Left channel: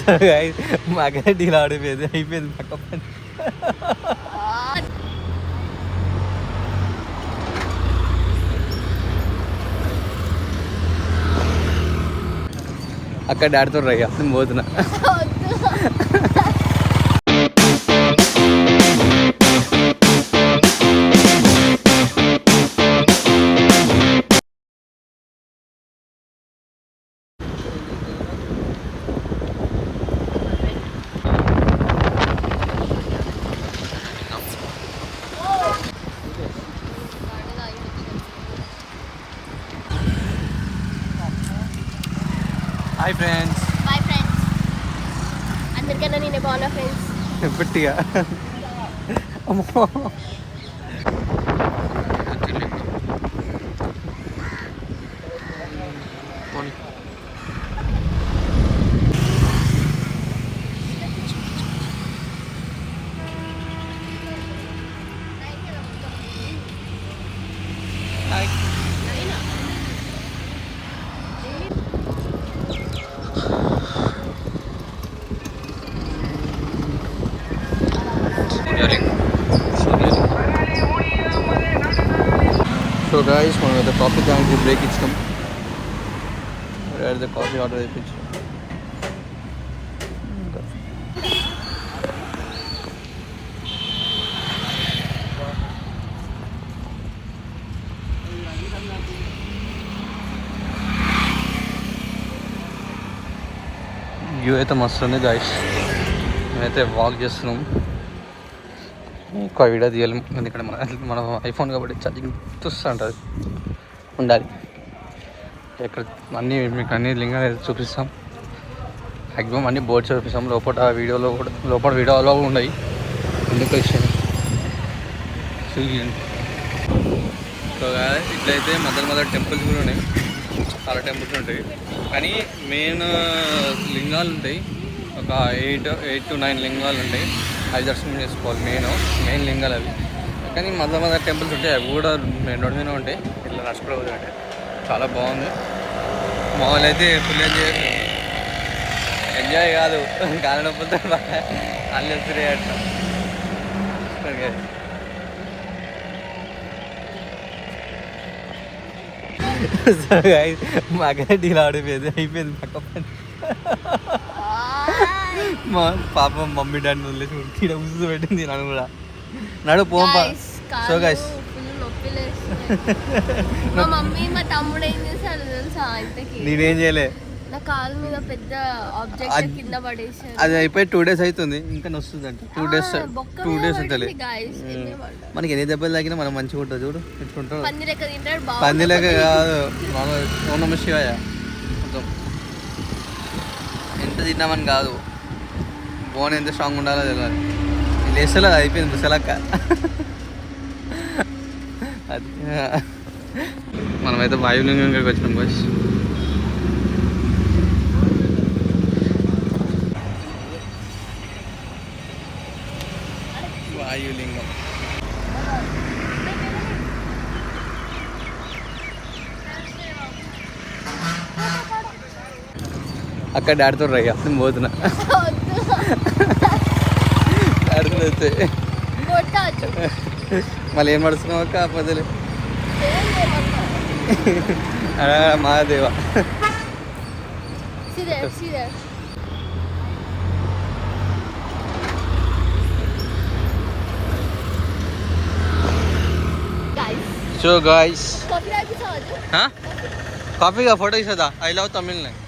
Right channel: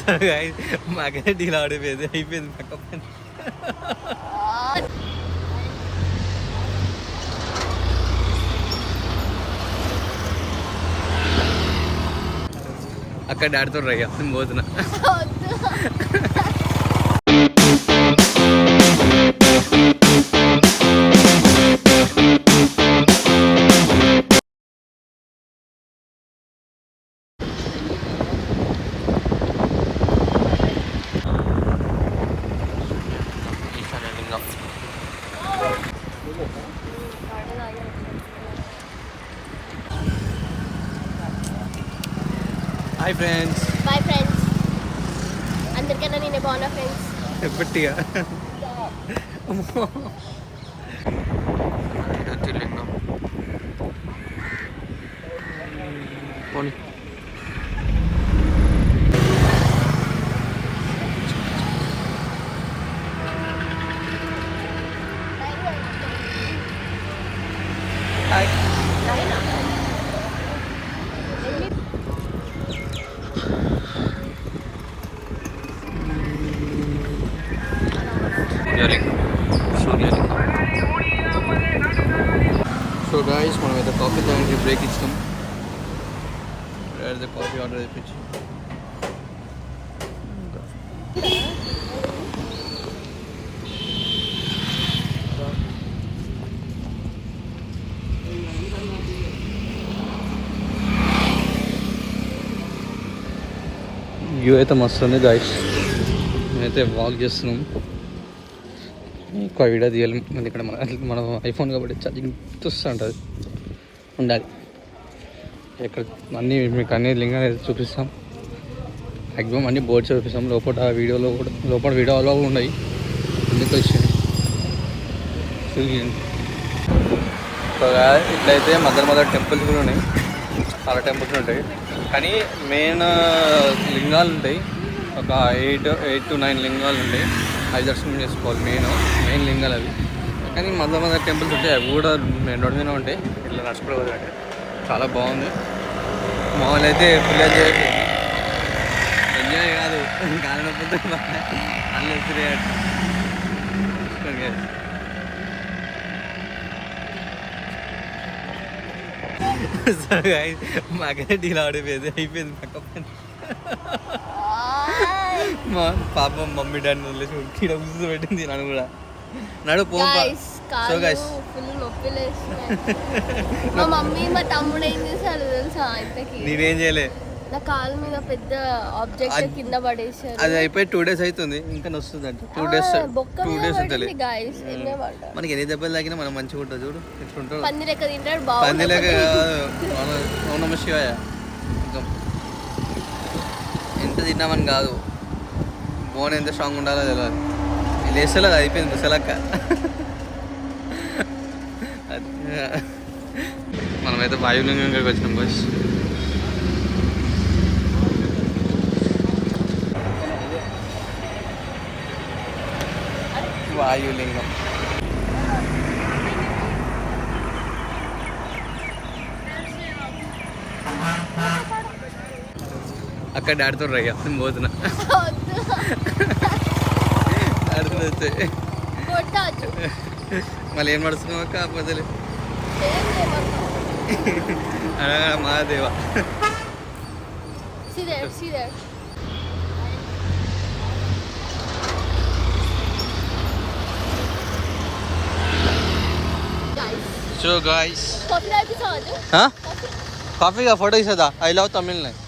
So guys మాకైతే deal ఆడిపోయింది, అయిపోయింది పక్క పని. అక్కడ డాడీతో రయ్యా నేను పోతున్నా. Hi friends. Bye friends. అందరికన్నా నేనే బాగున్నా ఫ్రెండ్స్. ఎప్పటిగా అమ్మో సో గాయస్ మనం అయితే కాఫీ దానికి బ్రేక్ ఇచ్చినాం. అయితే కాఫీ ఆర్డర్ అయిపోయింది. వ్యూ అయితే మస్తు ఉంది గాయస్. మేమైతే వాక్ చేస్తున్నాం. ఒక వీడియో తీయాలి ఎందుకంటే మన ఐఫోన్ కాబట్టి ఛార్జింగ్ ఉంటుంది ఉండాలి. ఇక్కడ అన్నీ మీకు అన్ని లింగాలు అయితే చూపిస్తాం. మ్యాక్సిమం అన్ని బోర్డ్స్ చూపిస్తాం. లోపల వీడియోలో కూడా ఉన్నాయి. ఇండికేషన్ ఇట్లయితే మధ్య టెంపుల్స్ కూడా ఉన్నాయి. చాలా టెంపుల్స్ ఉంటాయి కానీ మెయిన్ లింగాలు ఉంటాయి. ఒక 8 to 9 లింగాలు ఉంటాయి. అవి దర్శనం చేసుకోవాలి. మెయిన్ లింగాలు అవి. కానీ మధ్య టెంపుల్స్ ఉంటాయి. అవి కూడా రోడ్ మీద ఉంటాయి. ఇట్లా నడుచుకోవాలి అంటే చాలా బాగుంది. మామూలు అయితే ఫుల్ ఎంజాయ్ కాదు కాలనొప్పులతో వాళ్ళు ఎప్పుడు మాకైతే డీల్ ఆడిపోయింది, అయిపోయింది పక్క పని. మా పాప మమ్మీ డాడీ వదిలేసి ఇక్కడ ఉసు పెట్టింది నన్ను కూడా. నడు పోంపా. సో గైస్ మా మమ్మీ మా తమ్ముడు ఏం చేశాడు తెలుసా? నేనేం చేయలే. నా కాలు మీద పెద్ద ఆబ్జెక్ట్ కింద పడేసారు. అది అయిపోయి 2 days అవుతుంది. ఇంకా నొస్తుంది అంట. 2 days అవుతుంది. మనకి ఎన్ని దెబ్బలు తాగినా మనం మంచిగా ఉంటుంది. చూడు ఎట్లుంటాడు. పంది లెక్క కాదు. ఓం నమః శివాయ. మొత్తం ఎంత తిన్నామని కాదు, బోన్ ఎంత స్ట్రాంగ్ ఉండాలో తెలియదు. వీళ్ళు వేస్తలే అది అయిపోయింది ముసలక్క. మనమైతే వాయులింగంకి వచ్చినాం కోచ్. వాయులింగం అక్కడ డాడీతో రయ్యా నేను పోతున్నా. డాడీతో అయితే మళ్ళీ ఏం పడుతున్నావు అక్క? పదలే మహాదేవా. సో గాయస్ కాఫీగా ఫోటో ఇస్తుందా? I love Tamil Nadu.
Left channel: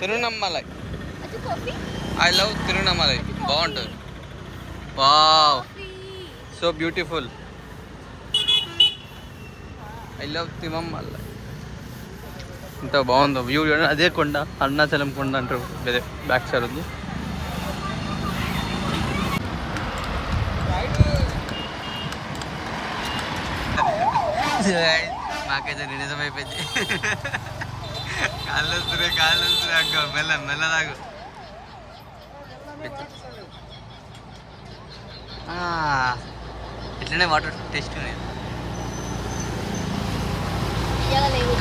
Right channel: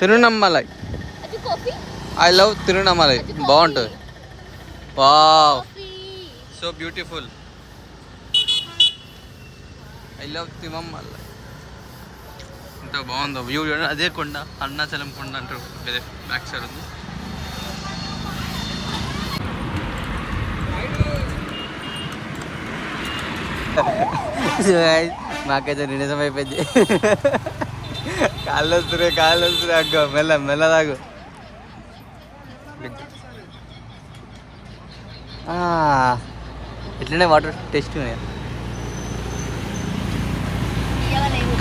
Tiruvannamalai. I love Tiruvannamalai. బాగుంటుంది. Wow so beautiful. I love Tiruvannamalai. ఇంత బాగుందో వ్యూ. అదే కొండ అరుణాచలం కొండ అంటారు. బ్యాక్ సైడ్ ఉంది. మాకైతే నిజం అయిపోయింది. కాళ్ళు వస్తున్నాయి అగ్గ. మెల్లదాగు. ఎట్లనే వాటర్ టేస్ట్ ఉన్నాయి.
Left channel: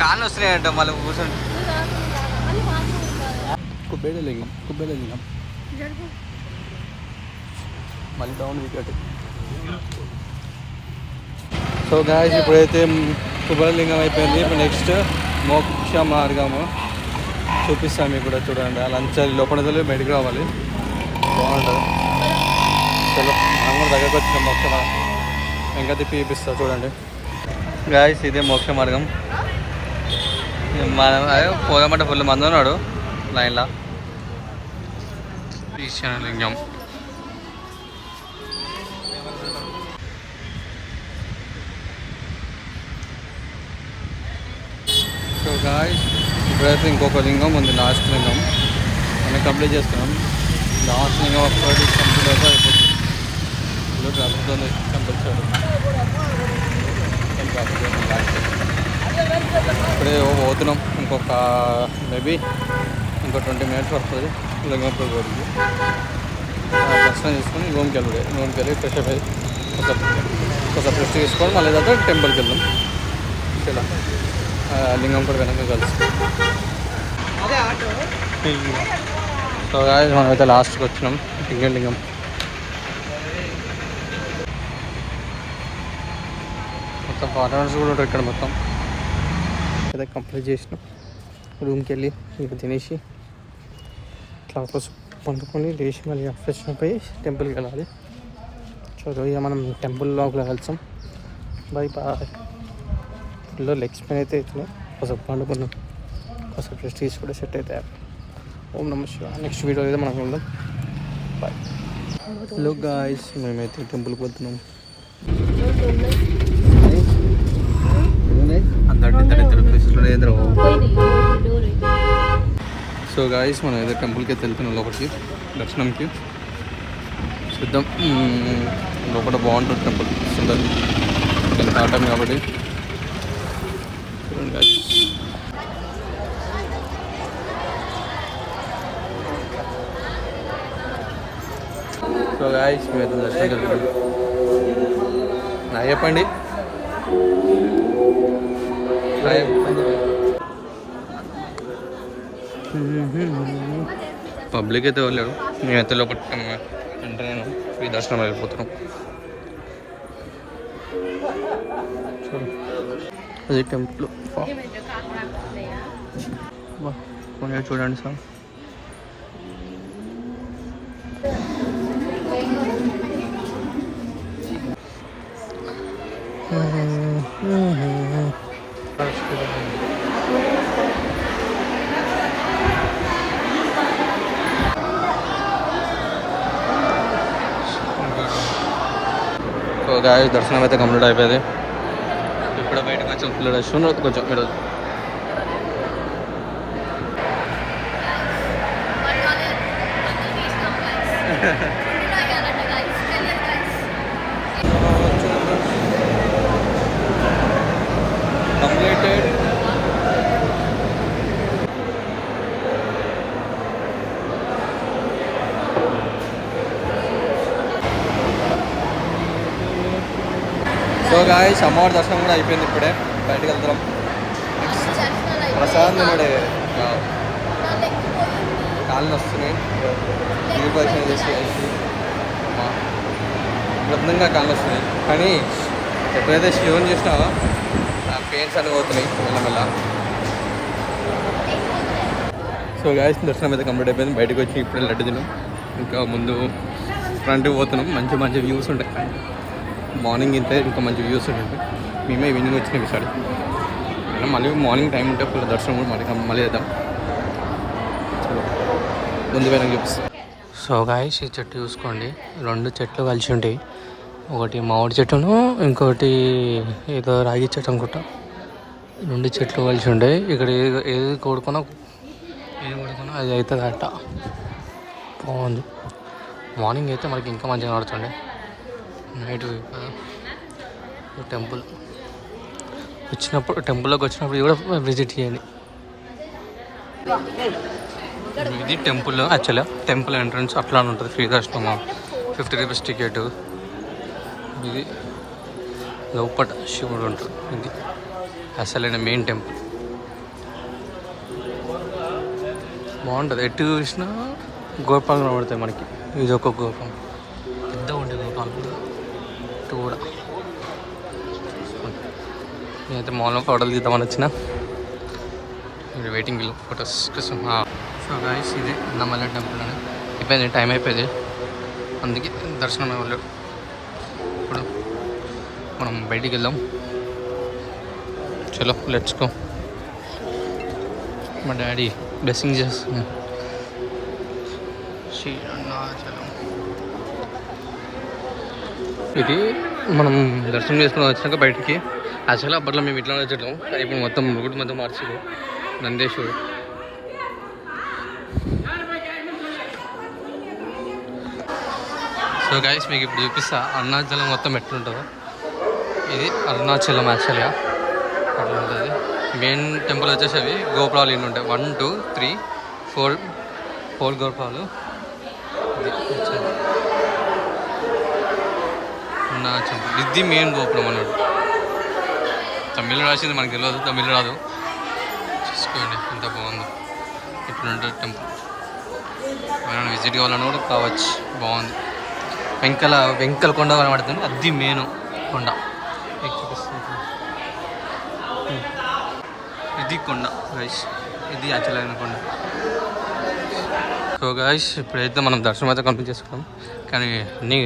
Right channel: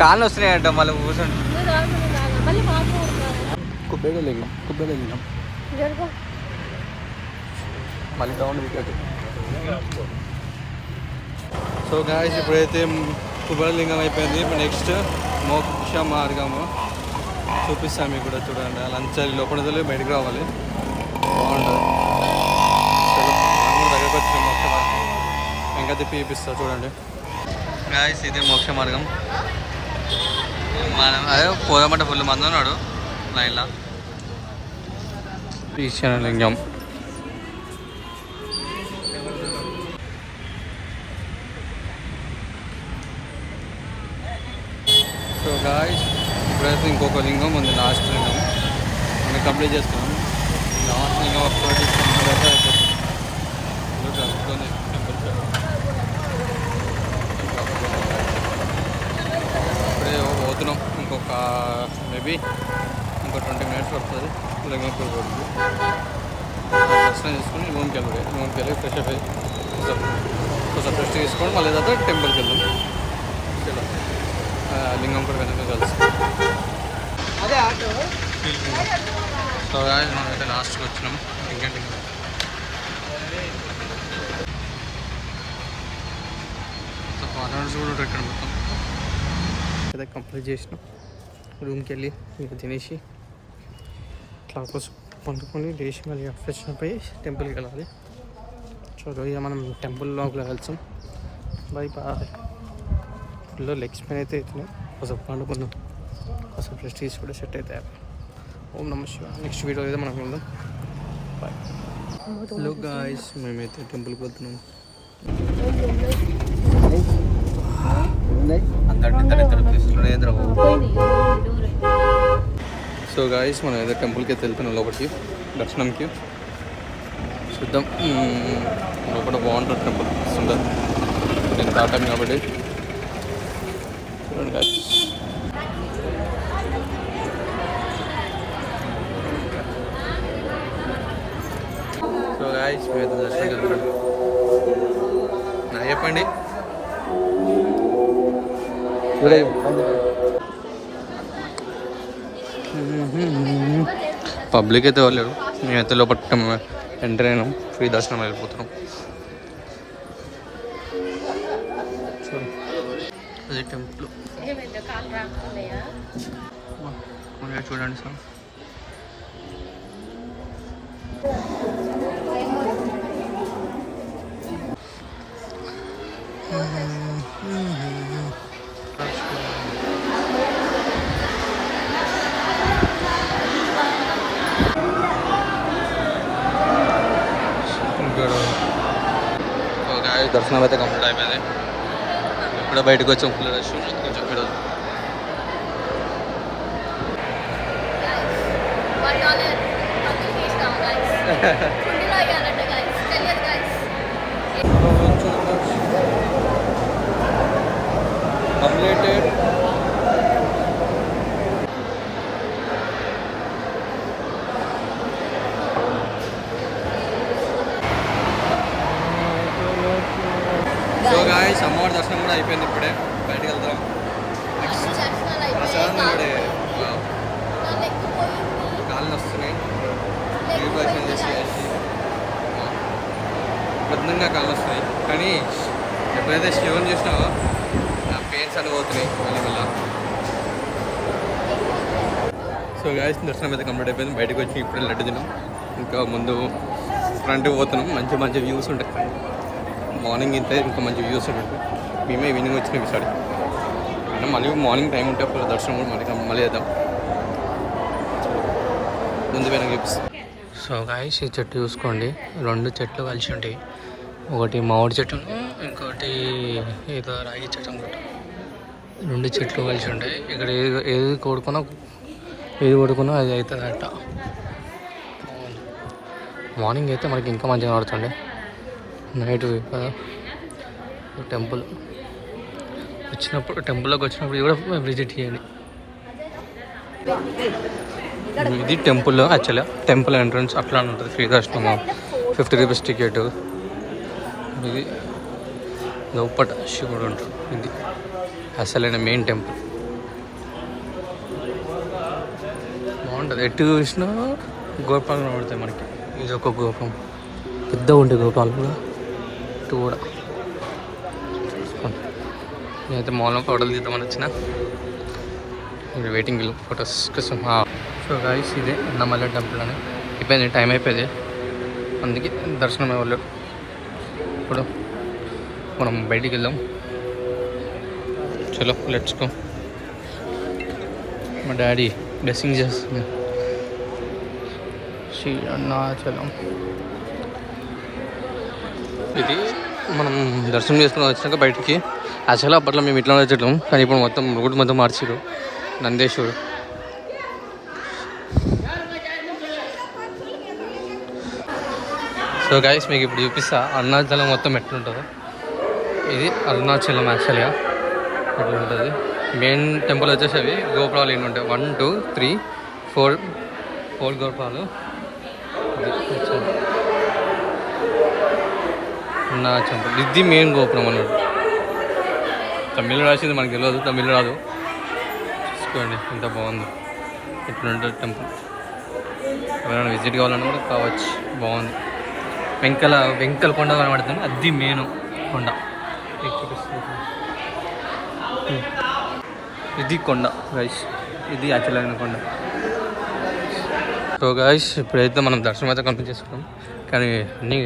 కాళ్ళు వస్తున్నాయంట మళ్ళీ కూర్చుంటే. కుబేరలింగం జరుగు. మళ్ళీ డౌన్ వికెట్. సో గాయస్ ఇప్పుడైతే కుబేరలింగం అయిపోయింది. ఇప్పుడు నెక్స్ట్ మోక్ష మార్గము చూపిస్తాను మీకు కూడా. చూడండి అలా అంచాలి లోపల బయటకు రావాలి, బాగుంటుంది. చలో మనం కూడా దగ్గరకు వచ్చిన మోక్ష మార్గం ఇంకా తిప్పి చూపిస్తా చూడండి. గాయస్ ఇదే మోక్ష మార్గం. మనం అదే పోదామంటే ఫుల్ మంది ఉన్నాడు లైన్లో. ఈశాన్యలింగం. సో గాయస్ ఇప్పుడైతే ఇంకొక లింగం ఉంది, లాస్ట్ లింగం. మనం కంప్లీట్ చేస్తున్నాం. లాస్ట్ లింగం అప్పటి కంప్లీట్ అయితే అయిపోతుంది. ఇలా ట్రాఫిక్ ఉంది టెంపుల్ సైడ్. ట్రాఫిక్ ఉంది బ్యాక్ సైడ్. ఇప్పుడే పోతున్నాం. ఇంకొక మేబీ ఇంకో 20 minutes పడుతుంది లింగంపూర్ పోరికి. దర్శనం చేసుకొని రూమ్కి వెళ్ళి ఫ్రెష్ అప్ అయ్యి ఒకసారి రెస్ట్ తీసుకొని మళ్ళీ ఏదంటే టెంపుల్కి వెళ్దాం. చలో లింగం కూడా వెనక కలిసి. సో గాయస్ మనమైతే లాస్ట్కి వచ్చినాం లింగం. మొత్తం ఫారెనర్స్ కూడా ఉంటారు ఇక్కడ. మొత్తం అయితే కంప్లీట్ చేసినాం. రూమ్కి వెళ్ళి ఇంకా తినేసి ఇట్లా పండుకొని లేచి మళ్ళీ ఫ్రెష్ అప్ అయ్యి టెంపుల్కి వెళ్ళాలి. సో ఇక మనం టెంపుల్ లోపల వెళ్తాం. Bye bye. ఫుల్లో లెగ్స్ పెయిన్ అయితే అవుతున్నాయి. కొంచెం పండుకున్నాం, కొంచెం ప్రెస్టీజ్ కూడా సెట్ అవుతాయి. ఓం నమ శివాయ. నెక్స్ట్ వీడియో అయితే మనం వెళ్దాం. బాయ్. హలో గాయ్స్, మేమైతే టెంపుల్కి వెళ్తున్నాం. ఇద్దరు ప్లేస్లోనే ఎదురు. సో గాయ్స్ మనం ఏదో టెంపుల్కి అయితే వెళ్తున్నాం లోపలికి దర్శనంకి. చూద్దాం లోపల బాగుంటుంది టెంపుల్. సుందర్ నేను తాటాం కాబట్టి చూడండి గాయ్స్. సో గాయ్స్ మేమైతే దర్శనంకి వెళ్తున్నాం. చెప్పండి. పబ్లిక్ అయితే వెళ్ళాడు. నేనైతే లోపల ఎంటర్ అయినాం. ఫ్రీ దర్శనం వెళ్ళిపోతున్నాం. సో అది టెంపుల్ చూడండి సార్. సో గాయస్ దర్శనం అయితే కంప్లీట్ అయిపోయింది. ఇప్పుడే బయటకు వచ్చాం. ఫుల్ రష్ ఉన్నది కొంచెం ఈరోజు. కంప్లీటెడ్. సో గాయ్స్ అమ్మవారి దర్శనం కూడా అయిపోయింది. ఇప్పుడే బయటకు వెళ్తాం. నెక్స్ట్ ప్రసాదం తినడే కాళ్ళు వస్తున్నాయి. దిగు పరిచయం చేసి వృద్ధంగా కాళ్ళు వస్తున్నాయి. కానీ ఎప్పుడైతే శివుని చేసినావో పెయిన్స్ అని పోతున్నాయి మెల్లమెల్ల. సో గాయస్ దర్శనం అయితే కంప్లీట్ అయిపోయింది. బయటకు వచ్చి ఇప్పుడే లడ్డు తిన్నాం. ఇంకా ముందు ఫ్రంట్కి పోతున్నాం. మంచి మంచి వ్యూస్ ఉంటాయి పైన. మార్నింగ్ ఇంతే ఇంకా మంచి వ్యూస్ ఉంటాయి. మేమే ఈవినింగ్ వచ్చినాం ఈసారి. అయినా మళ్ళీ మార్నింగ్ టైం ఉంటే ఫుల్ దర్శనం కూడా మళ్ళీ చేద్దాం. చలో ముందు పోయినా చూపిస్తాం. సో గాయస్ ఈ చెట్టు చూసుకోండి. 2 చెట్లు కలిసి ఉంటాయి. ఒకటి మామిడి చెట్టును, ఇంకొకటి ఏదో రాగి చెట్టు అనుకుంటా. 2 చెట్లు కలిసి ఉంటాయి. ఇక్కడ ఏది కొడుకున్నా అది అవుతుంది అట్ట. బాగుంది. మార్నింగ్ అయితే మనకి ఇంకా మంచిగా పడుతుండే. నైట్ టెంపుల్ టెంపుల్లోకి వచ్చినప్పుడు కూడా విజిట్ చేయండి. ఇది టెంపుల్. యాక్చువల్గా టెంపుల్ ఎంట్రన్స్ అట్లా ఉంటుంది. ఫ్రీ దర్శనం, 50 రూపీస్ టికెట్. ఇది లోపట శివుడు ఉంటుంది. ఇది అసలైన మెయిన్ టెంపుల్. బాగుంటుంది. ఎటు చూసినా గోపురాలు కనబడతాయి మనకి. ఇది ఒక గోపురం, పెద్దగా ఉంటాయి గోపురాలు కూడా. ఇటు కూడా నేనైతే మాల్లో ఫోటోలు తీద్దామని వచ్చిన. మీరు వెయిటింగ్ ఫొటోస్ కోసం. సో గాయస్ ఇదే అన్నమల్ల టెంపుల్ అని అయిపోయింది, టైం అయిపోయింది, అందుకే దర్శనం అవ్వలేదు. ఇప్పుడు మనం బయటికి వెళ్దాం. చలో లెట్స్ గో. మా డాడీ బ్లెస్సింగ్ చేస్తుంది. శ్రీ అరుణాచలం. ఇది మనం దర్శనం చేసుకుని వచ్చినాక బయటికి. యాక్చువల్గా అప్పట్లో మేము ఇట్లా వచ్చేటం, కానీ ఇప్పుడు మొత్తం రోడ్డు మొత్తం మార్చారు. నందేశ్వరు. సో గైస్ మీకు ఇప్పుడు చూపిస్తా అరుణాచలం మొత్తం ఎట్లుంటుందో. ఇది అరుణాచలం యాక్చువల్గా అట్లుంటుంది. మెయిన్ టెంపుల్ వచ్చేసరి గోపురాలు ఎన్ని ఉంటాయి, 1 2 3 4 గోపురాలు. అరుణాచలం ఇది మెయిన్ గోపురం అన్నాడు. తమిళ రాసింది మనకు తెలియదు, తమిళ రాదు. చూసుకోండి ఎంత బాగుందో. ఇట్లుంటుంది టెంపుల్. ఎవరైనా విజిట్ కావాలన్నా కూడా కావచ్చు, బాగుంది. వెంకల కొండ కనబడుతుంది, అది మెయిన్ కొండ. ఇది కొండ గైస్, ఇది యాక్చువల్ కొండ. సో గైస్ ఇప్పుడైతే మనం దర్శనం అయితే కంప్లీట్ చేసుకున్నాం, కానీ అన్నీ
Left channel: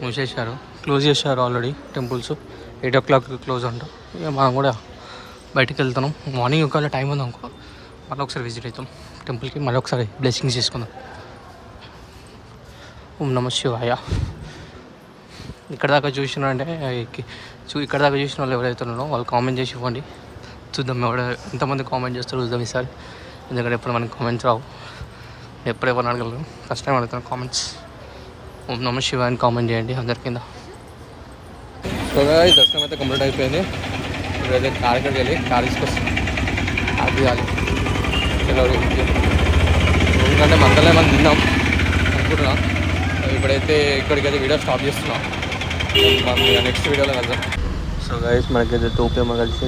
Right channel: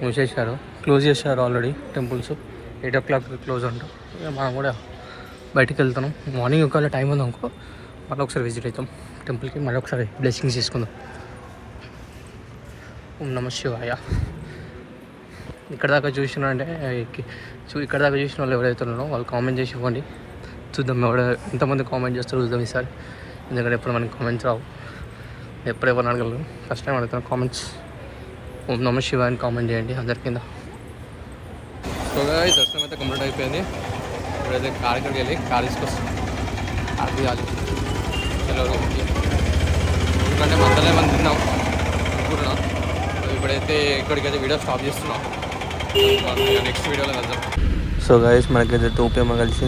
మూసేశారు, క్లోజ్ చేశారు ఆల్రెడీ. టెంపుల్స్ 8 o'clock క్లోజ్ అంట. ఇక మనం కూడా బయటికి వెళ్తున్నాం. మార్నింగ్ ఒకవేళ టైం ఉంది అనుకో మళ్ళీ ఒకసారి విజిట్ అవుతాం టెంపుల్కి, మళ్ళీ ఒకసారి బ్లెస్సింగ్స్ తీసుకుందాం. ఓం నమః శివాయ. ఇక్కడ దాకా చూసిన అంటే ఇక్కడ దాకా చూసిన వాళ్ళు ఎవరైతే ఉన్నారో వాళ్ళు కామెంట్ చేసి ఇవ్వండి, చూద్దాం ఎంతమంది కామెంట్ చేస్తారో చూద్దాం ఈసారి. ఎందుకంటే ఎప్పుడు మనకి కామెంట్స్ రావు, ఎప్పుడెవరు అడగలరు. ఫస్ట్ టైం అడుగుతాను కామెంట్స్. ఓం నమః శివాయ అని కామెంట్ చేయండి అందరి కింద. సో దర్శనం అయితే కంప్లీట్ అయిపోయింది. ఇప్పుడైతే కార్కి వెళ్ళి కార్ తీసుకొస్తాం. అది ఎందుకంటే మధ్యలో ఏమైనా తిన్నాం అనుకుంటున్నా. ఇప్పుడైతే ఇక్కడికైతే వీడియో స్టాప్ చేస్తున్నాం. మనం నెక్స్ట్ వీడియోలో వెళ్దాం. సో గైస్ మనకైతే 2 PM కలిసి